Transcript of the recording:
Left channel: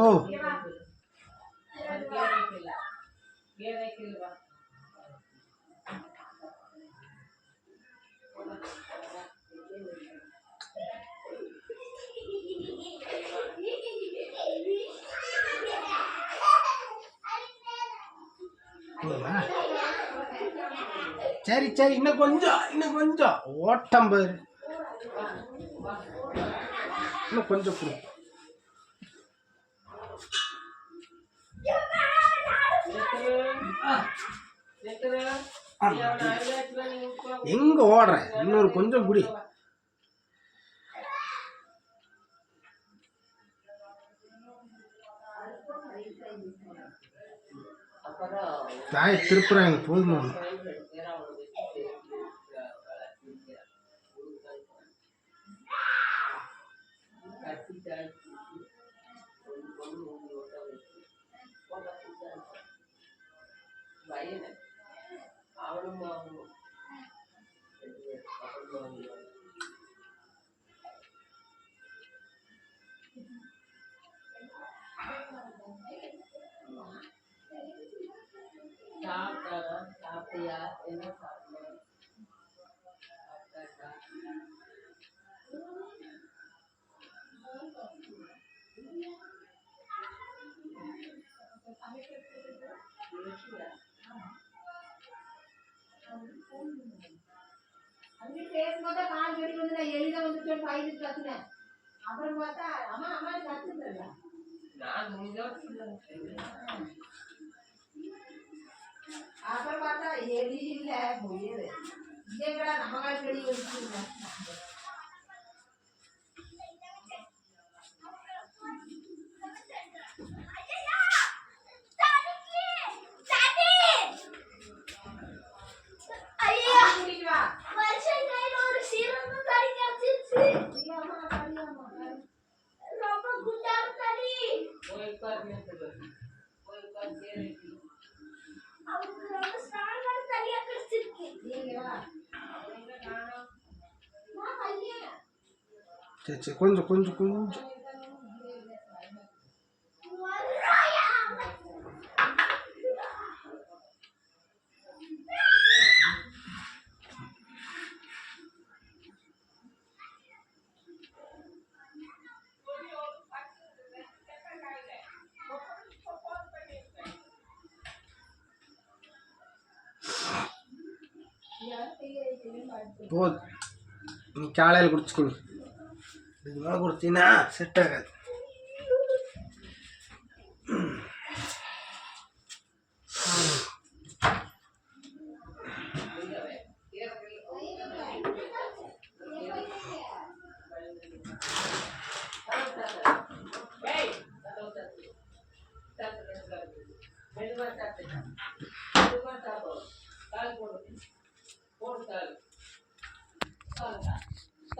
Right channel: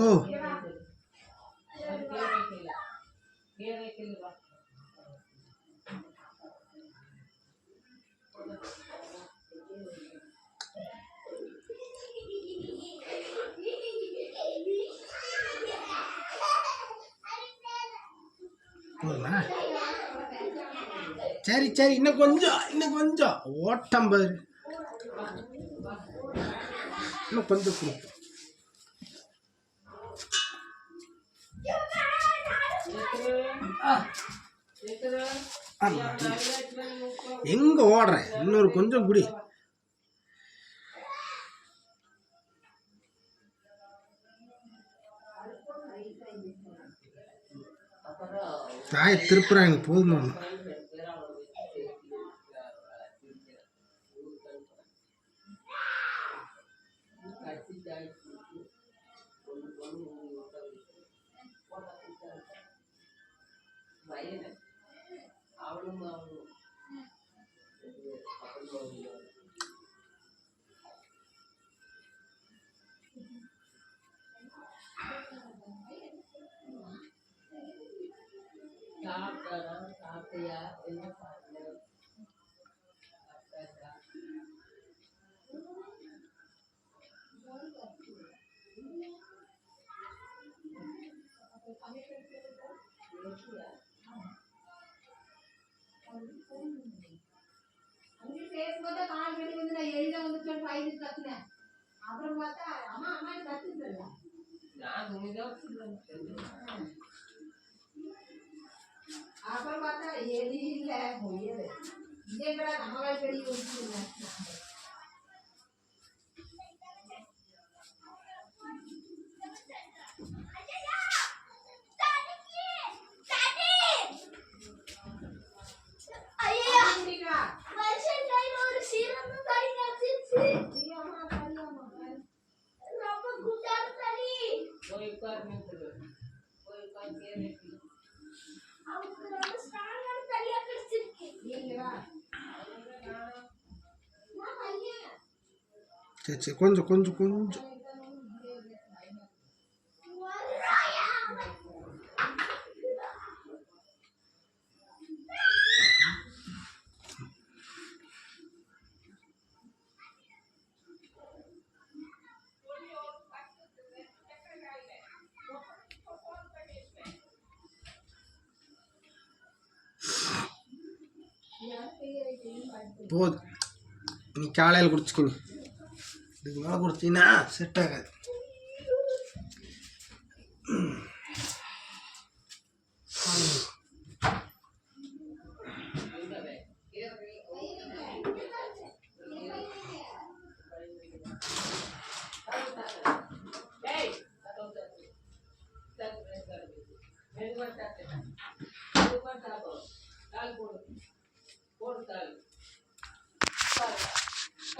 ఓ சரி சரி இன்னும் கொஞ்சம் இன்னும் கொஞ்சம். ஓட்டம்பது இன்னும் கொஞ்சம் கொடுப்போம் எங்க ஓடுற இன்னொரு கொஞ்சம் குடி. தாயை திருப்புறாங்க போதுமா அவனும் அவனும் சாப்பிட்டாரா சாப்பிட்டியா என்ன சாப்பிட்டேன் சாப்பிட்டாச்சா அங்கே பேசும்போதே கால் கடி வந்து நான் எழுத வந்துட்டேன் பயிர் கத்துனேன். அப்புறம் பார்த்தா அம்மா அம்மா துணிதான் அப்புறம் பார்த்தா எலி இல்ல முயல் இதேங்கடா நம்ம கால் கடி வந்துச்சு சரி சரி கொஞ்சம் கொஞ்சம் கொஞ்சம். போதும் நீ காலையில் குடிச்சுக்கொடு. இதுக்கு மேலே குடிச்சின்னா செட் ஆகாது.